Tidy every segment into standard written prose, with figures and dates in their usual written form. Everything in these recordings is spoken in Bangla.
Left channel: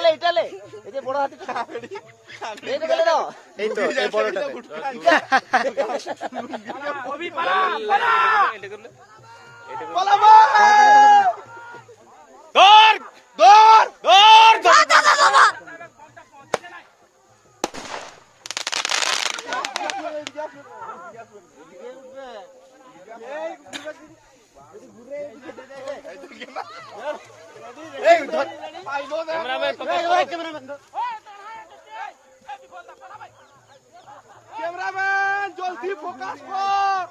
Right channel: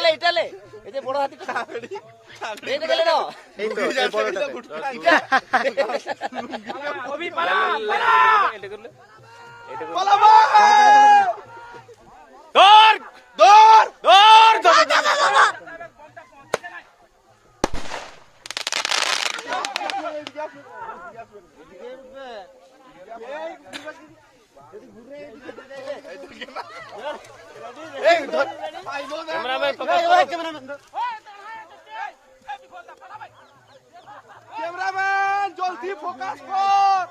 পালে এটালে এই যে বড় হাতিটা এইটা গেলে না এই তো এই বড়টাতে ওবি পালা এটা করলে পালা দৌড় দৌড় দৌড় ক্যামেরাম্যান জলদি ফোকাস কর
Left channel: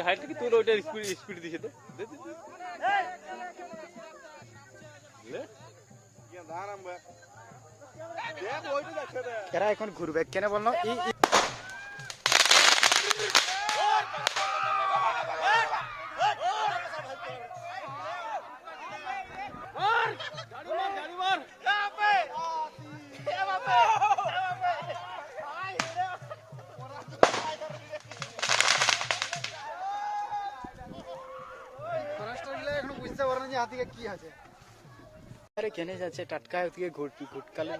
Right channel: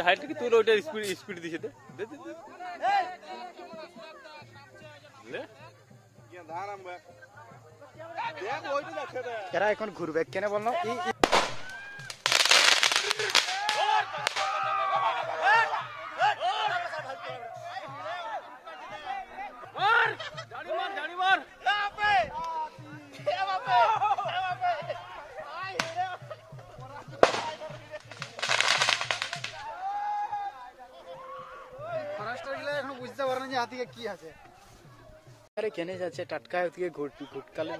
হাইট কি তুই ওটা স্পিড দিছে দে এরা এখন ঘুরবে কেন বললো কি আছে আরে কেনে যাচ্ছে টাটকা থেকে ঘুটকালে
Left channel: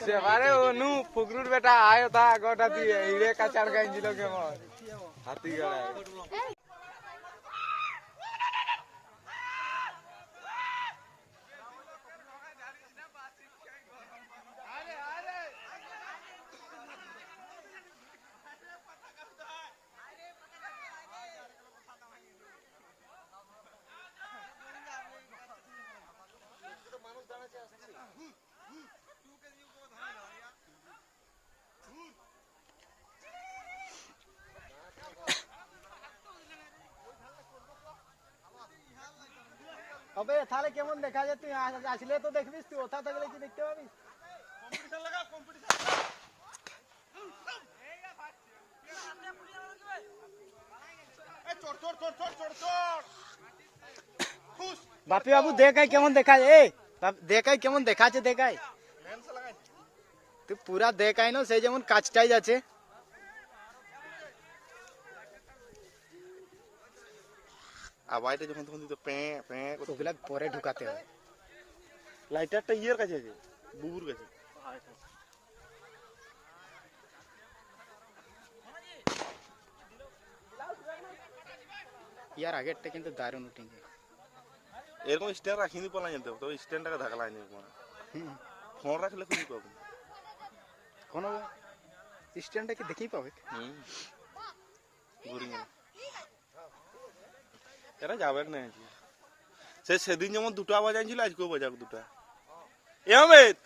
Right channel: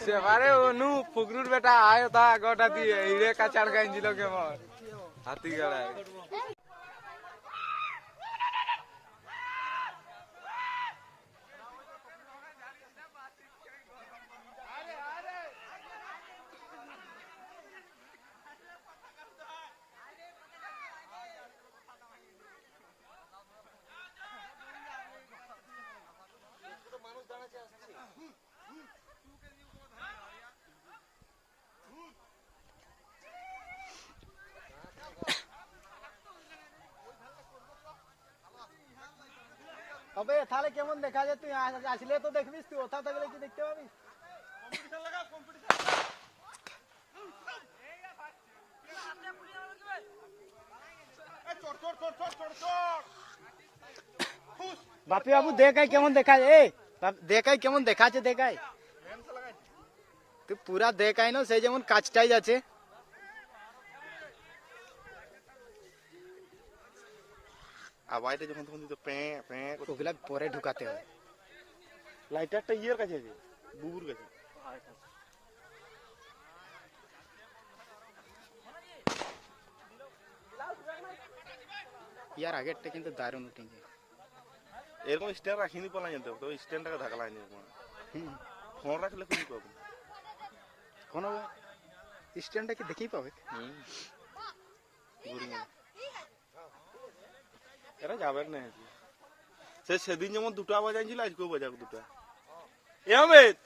সেবারে অনু ফুকরুর বেটা আয় তা গোটা দিয়ে ইরে কাচাড় গাঞ্জিল কেমন হাতি গড়ায় अबे थाले केमन देखा जाए तुई আসলে তো দেখবিস তুই ওথা থাকলে কি দেখতে পাবি বাপি বাবু দেখাই কেমন দেখায় এ দেখাই কেমন দেখাচ্ছে দেখাই তুই পুরা দেখাই না সেই যেমন কাজটাই যাচ্ছে আওয়াজটা যখন তখন দিত প্যাঁ প্যাঁ ওগুলা পরে ঢুকাতে হয় লাইটারটা ইয়ের কাছে আছে বুবুর কাছে ইয়ার আগেরটা কিন্তু দারুণ উঠেছে এরকম স্ট্যান্ড রাখিনি পালা জানতে তবে স্ট্যান্ডটাকে ঢাকলাই নি ফোন রাখলে খুঁজে পাবো কোন স্ট্যান্ডটা কি দেখেই পাবে এরা যাবেন না সেদিন যেমন দুটো আওয়াজ আনছিল আজকেও বাজাক দুটা এমেদ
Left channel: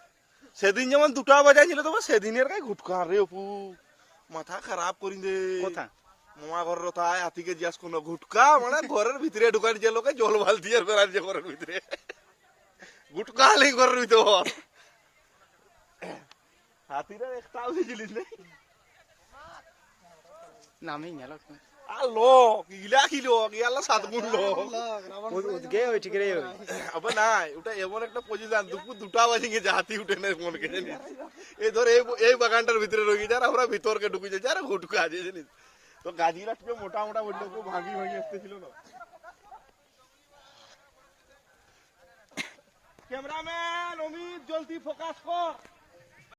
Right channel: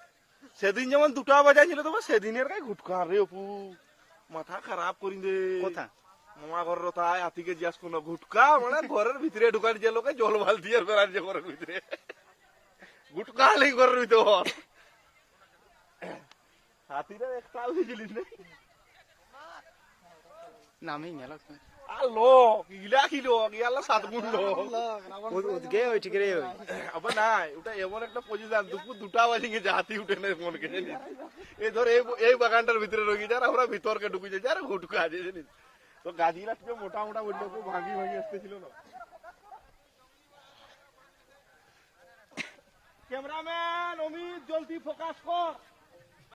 সেদিন যেমন দুটো আওয়াজ আনছিল তোমার সেদিনের গায়ে ঘুটকা রে অপু মাথা খারাপ করি দে কোথা মামা ঘরের তাই হাতিকে জিজ্ঞাস কোনো ঘুটকা মানে ঘরের ভিতরে ঢুকার যে লোকে জল বালতি আর বেড়ার যে ঘরের ভিতরে ঘুটকা হলেই ঘরের ভিতরে হাতিরা একটা জিনিস নেই নামেই গেল লোক ইলা কি লোক ইয়ালা সাত গুণ লোক উদগে ওই ঠিক রে ওই আবার নাই ওটা এমন একটা পজিশন দুপুর দুটা বাজে গিয়ে হাতি উঠে নেই মন কে জানিস এই ধর এই বাগানটার ভিতরে রয়ে যার আমরা ভিতরকে ঢুকে যাই যারা ঘুটকা আছে জানিস তো গাজিরা টিপে মোটা মোটা বললো খুব ভাঙি ভাঙি আসতেছিল না ক্যামেরাম্যান অমিত জলদি ফোকাস কর